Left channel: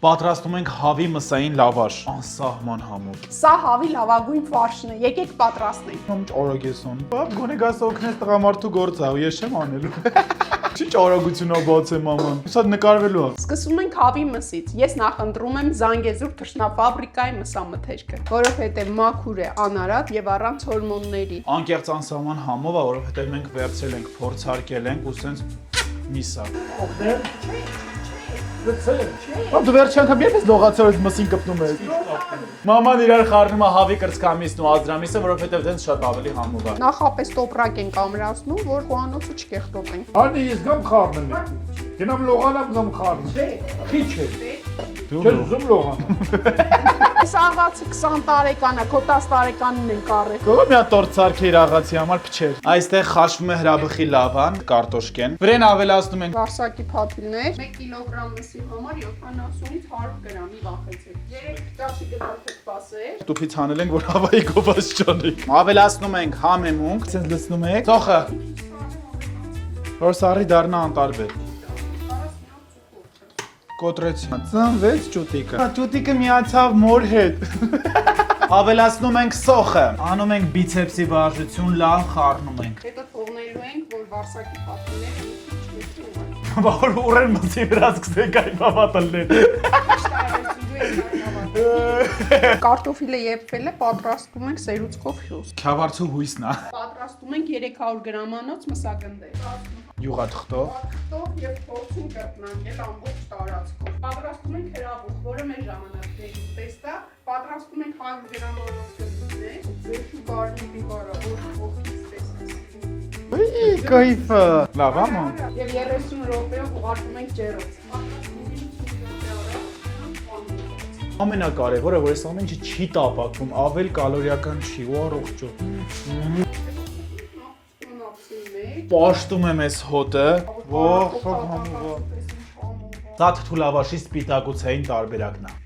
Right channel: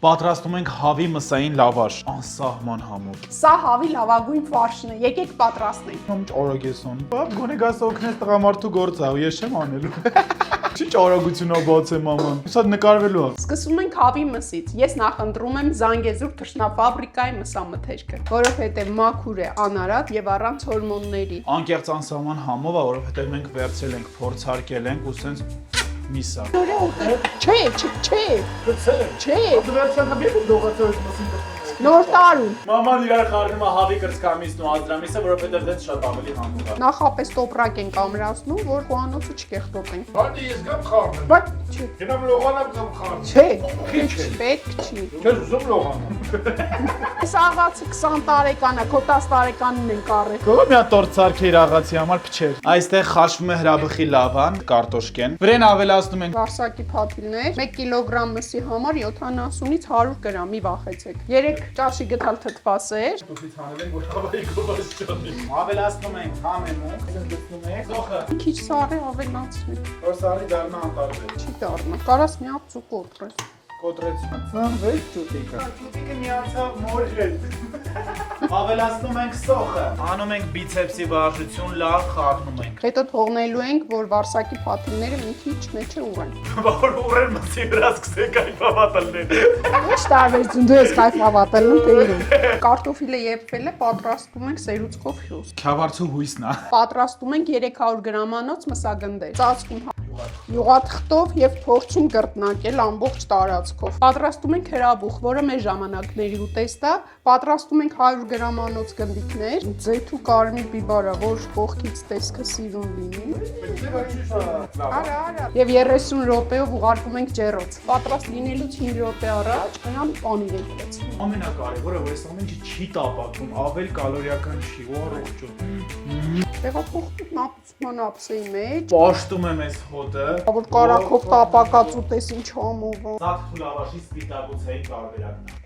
Պատրաստում ենք հավի մսային լավաշ, անսահման համով։ Սա հավի լավագույն ֆարշն է, եկեք պատրաստենք։ Ինչ օրոգ ես անում։ Բաբ գոնե գաս օգնես տղամարդու գործը, ես չեմ անելու։ Ինչ արագությունով բացեմ մաման։ Սա նկարվելու է։ Սկսում ենք հավի մսից։ Ես նախընտրում եմ Զանգեզուր թռչնաֆաբրիկայի մսամթերքը, որովհետև մաքուր է, անարատ եւ առանց հորմոնների։ Անկեղծ անսահման համով է, որովհետև մենք վերցրել ենք, փորձարկել ենք ու սենց միսա։ Չէ։ Դու վերջի անգամ երբ ես լողացել ես մսին կպնում ես։ Նոր տարում։ Մաման իրար խառնում է հավի կրծքամիսն ու ազդրամիսը, որովհետև դենց շատ ավելի համով է։ Նախապես տոպրակ ենք ամրացնում, որ խոհանոցը չկեղտոտենք։ Արնի ես գամ խառնում, բայց գնամ լողանամ գամ խառնում։ Չէ, Քիչ է։ պետք չի։ Չես զում լողանամ։ Այս աղացը 20 տարեկան է, քո 10 տարեկանին ենք առել։ Գողը մի հատ տորտ սարքի իր աղացի համար փչեր։ Այստեղ խաշվում է հրաբխի լավան, կարտոշկեն։ Վրեն ավելացնում ենք Վարսակի փաթիլներ 1 կիլոգրամ մսի համար 70-ից 100 գրամ, մի վախեցեք։ 3 ճաշի գտալ թթվասեր։ տուփից հանել ենք, որ հավայի գովաս չանի։ Ավելացնում ենք համեմունք, ցենց լցնում եք։ Ծոխը, Քիչ սառը ավելացնի։ որ սարի դառնա անտարբեր։ Չի դառնա։ Կարաս մի հատ ծուկ կոտրես։ Կոտրեցի։ Ծնվեց ճուտիկը։ Ճուտիկը միացավ մոր հետ։ Ավելացնում ենք սոխը, անում ենք բիցեպսի վարժություն, լավ խառնում ենք։ Հետո թողնելու ենք, որ վարսակի փաթիլները մի քիչ մեջը ուղեն։ Որ ուռեն մսի վրա սկսեք կայֆավատելներ։ Ինչ տարբերություն դու ես կայֆավատելում կունում։ Կարտոֆիլը եփվել է, պատրաստում ենք սերուցքով հյուսք։ Քյավարցու հույսն է։ Պատրաստում ենք 300 գրամանոց մսագնդեր։ Ծածկում Յուղաթղթով։ ուղաթղթով եւ փորձում կրկնակել ամբողջ տարածքով։ Պատրաստում ենք հրաբուխ, որը մեր ժամանակների ուտեստ է։ Պատրաստում ենք 100 գրամանոց գնդիկներ, ձեթ ու կարմիր բիբարա, որ կողքից տեսքը սիրուն լինի։ Կայֆը։ Լավ է։ Եվ 30 րոպեով ուղարկում ենք ջեռոց։ Պատրաստ լինելուց 5 րոպե առաջ գնամ պանիր ենք վերցնում։ Ամենակարևորը, որ այս ամեն ինչը չի տապակվում, ավել կալորիական չի ու առողջ է։ Տեղափոխում նապսման ափսեի մեջ, Պաշտում եմ այս հոտը։ որ կարակով տապակած ուտես ինչ համով։ Սա թթու լավաշի սպիտակուցային տարբերակն է։